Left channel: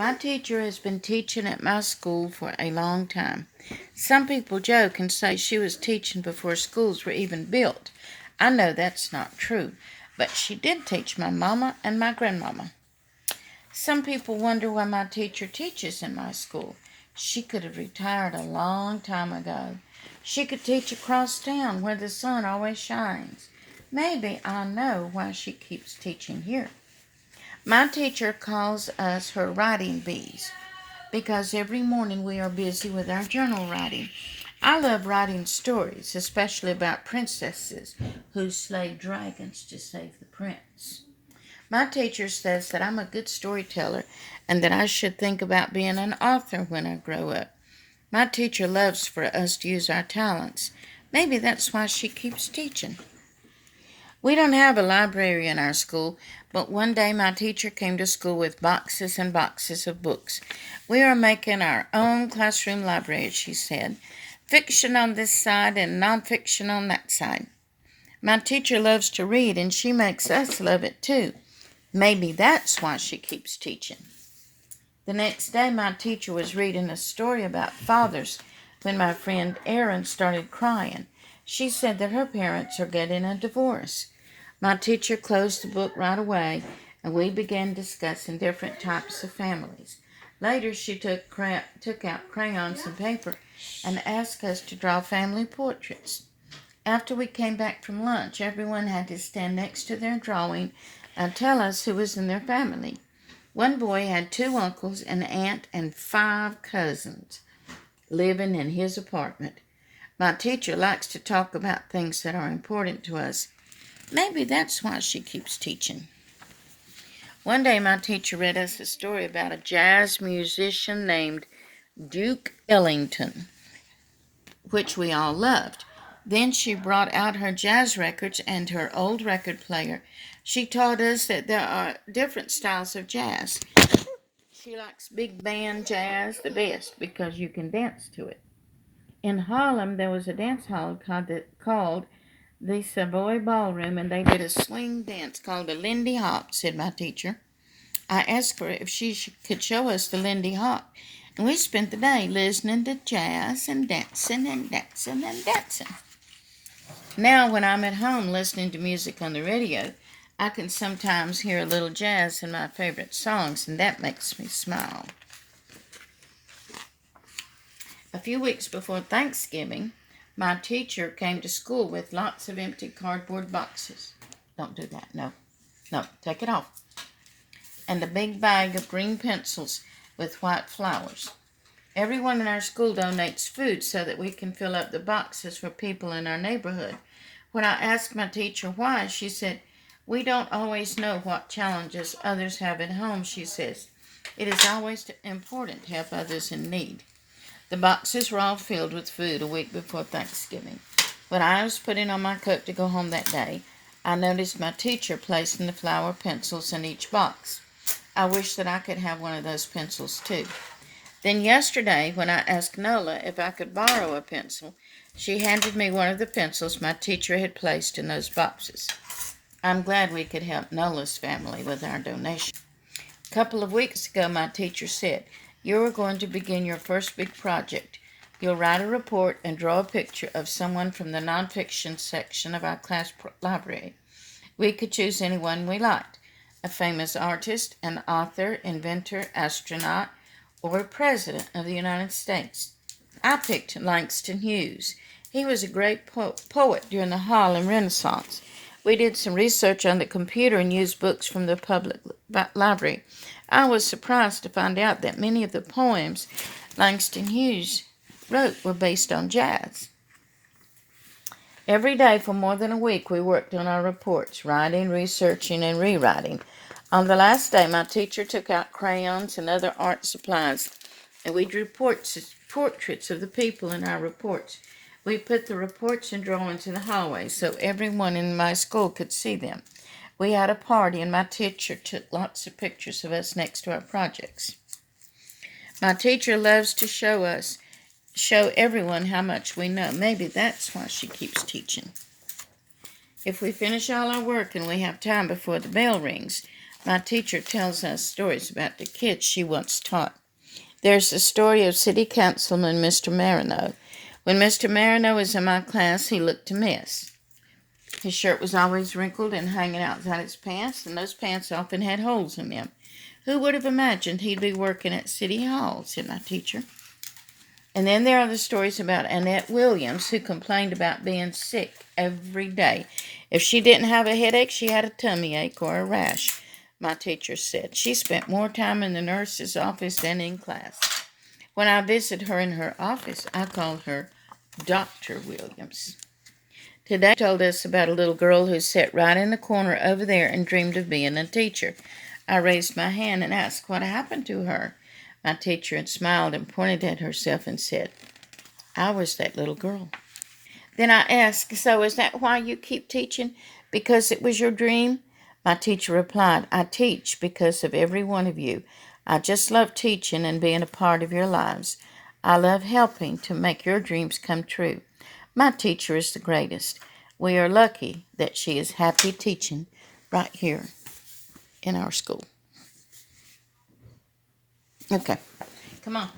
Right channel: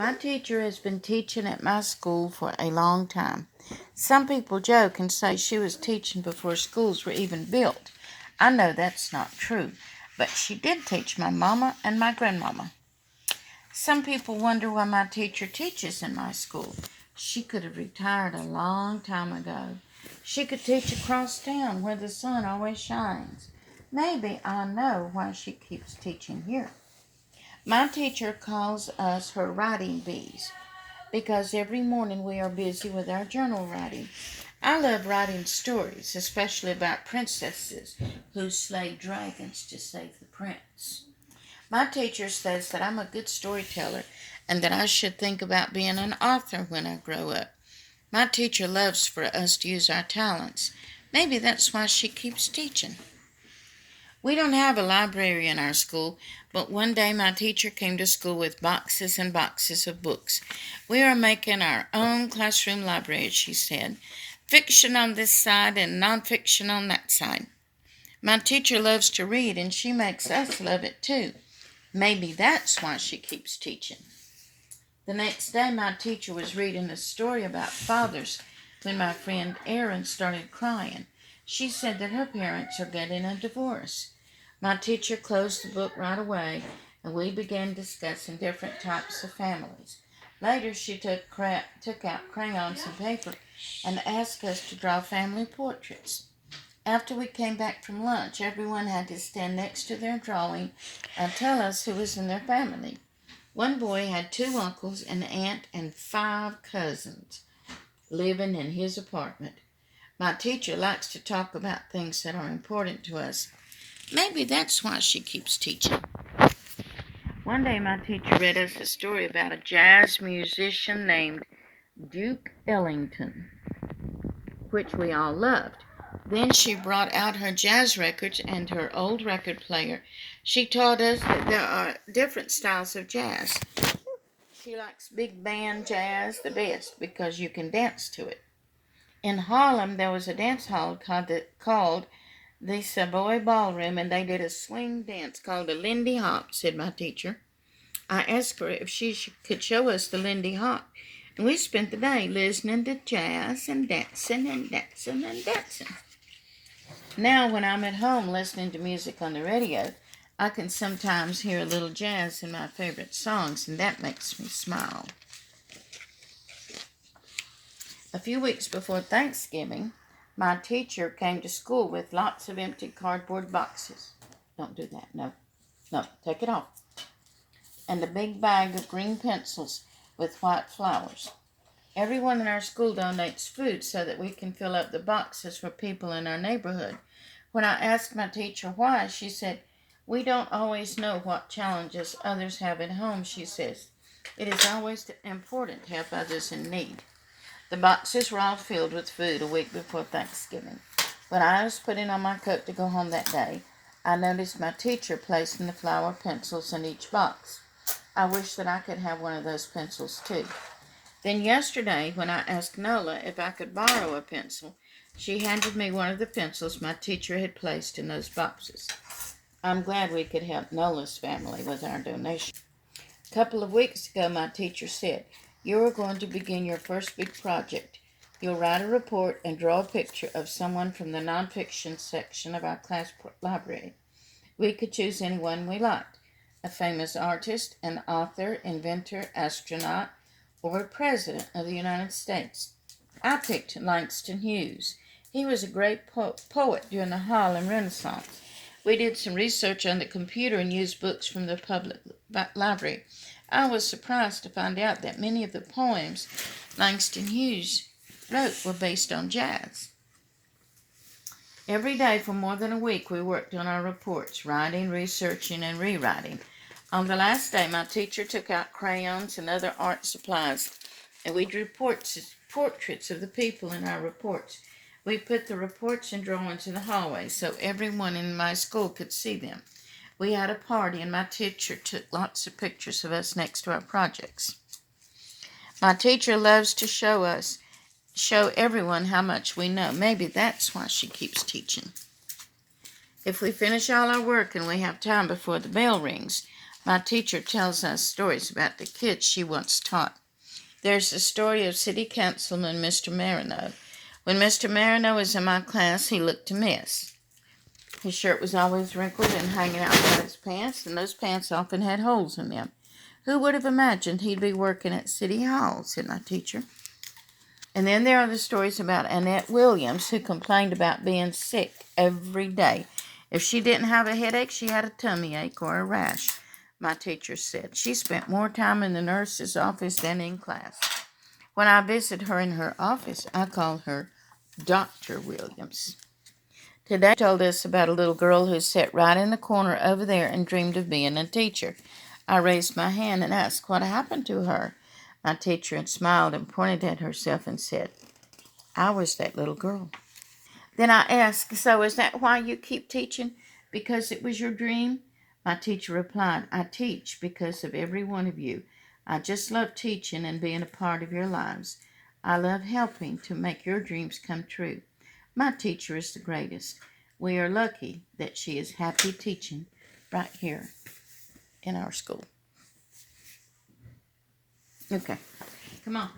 My teacher has been teaching at my school for a long time. Some people joke and say she was teaching before schools were even built. I know that's not true, but she did teach my mama and my grandmama. Some people wonder why my teacher teaches in my school. She could have retired a long time ago. She could teach across town where the sun always shines. Maybe I know why she keeps teaching here. My teacher calls us her writing bees because every morning we are busy with our journal writing. I love writing stories, especially about princesses who slay dragons to save the prince. My teacher says that I'm a good storyteller and that I should think about being an author when I grow up. My teacher loves for us to use our talents. Maybe that's why she keeps teaching. We don't have a library in our school, but one day my teacher came to school with boxes and boxes of books. We are making our own classroom library, she said. Fiction on this side and nonfiction on that side. My teacher loves to read, and she makes us love it too. Maybe that's why she keeps teaching. The next day, my teacher was reading a story about fathers when my friend Erin started crying. She said that her parents are getting a divorce. My teacher closed the book right away, and we began discussing different types of families. Later, she took out crayons and paper and asked us to draw family portraits. After we came back from lunch, everyone had to stand next to their drawing and tell us who was in their family. One boy had 2 uncles, an aunt, and 5 cousins living in his apartment. My teacher likes to talk about things that are important to us. Maybe that's why she keeps teaching. One day my teacher read us a story about a jazz musician named Duke Ellington, which we all loved. Then she brought out her jazz records and her old record player. She taught us that there are different styles of jazz. She likes big band jazz the best because you can dance to it. In Harlem, there was a dance hall called the Savoy Ballroom, and they did a swing dance called the Lindy Hop, said my teacher. I asked her if she could show us the Lindy Hop, and we spent the day listening to jazz and dancing and dancing and dancing. Now, when I'm at home listening to music on the radio, I can sometimes hear a little jazz in my favorite songs, and that makes me smile. A few weeks before Thanksgiving, my teacher came to school with lots of empty cardboard boxes. Don't do that. No, take it off. And a big bag of green pencils with white flowers. Everyone in our school donates food so that we can fill up the boxes for people in our neighborhood. When I asked my teacher why, she said, "We don't always know what challenges others have at home," she says. "It is always important to help others in need." The boxes were all filled with food a week before Thanksgiving. When I was putting on my coat to go home that day, I noticed my teacher placing the flower pencils in each box. I wish that I could have one of those pencils too. Then yesterday, when I asked Nola if I could borrow a pencil, she handed me one of the pencils my teacher had placed in those boxes. I'm glad we could help Nola's family with our donation. A couple of weeks ago, my teacher said, "You are going to begin your first big project. You'll write a report and draw a picture of someone from the nonfiction section of our class library. We could choose anyone we liked, a famous artist, an author, inventor, astronaut, or president of the United States. I picked Langston Hughes. He was a great poet during the Harlem Renaissance. We did some research on the computer and used books from the public library. I was surprised to find out that many of the poems Langston Hughes wrote were based on jazz. Every day for more than a week we worked on our reports, writing, researching, and rewriting. On the last day, my teacher took out crayons and other art supplies, and we drew portraits of the people in our reports. We put the reports and drawings in the hallway so everyone in my school could see them. We had a party, and my teacher took lots of pictures of us next to our projects. My teacher loves to show everyone how much we know. Maybe that's why she keeps teaching. If we finish all our work and we have time before the bell rings, My teacher tells us stories about the kids she once taught. There's the story of City Councilman Mr. Marino. When Mr. Marino was in my class, he looked a mess. His shirt was always wrinkled and hanging out by his pants, and those pants often had holes in them. Who would have imagined he'd be working at City Hall, said my teacher. And then there are the stories about Annette Williams, who complained about being sick every day. If she didn't have a headache, she had a tummy ache or a rash, my teacher said. She spent more time in the nurse's office than in class. When I visited her in her office, I called her Dr. Williams. Today she told us about a little girl who sat right in the corner over there and dreamed of being a teacher. I raised my hand and asked what happened to her. My teacher had smiled and pointed at herself and said, I was that little girl. Then I asked, so is that why you keep teaching? Because it was your dream? My teacher replied, I teach because of every one of you. I just love teaching and being a part of your lives. I love helping to make your dreams come true. My teacher is the greatest. We are lucky that she is happy teaching right here in our school. Okay, come on.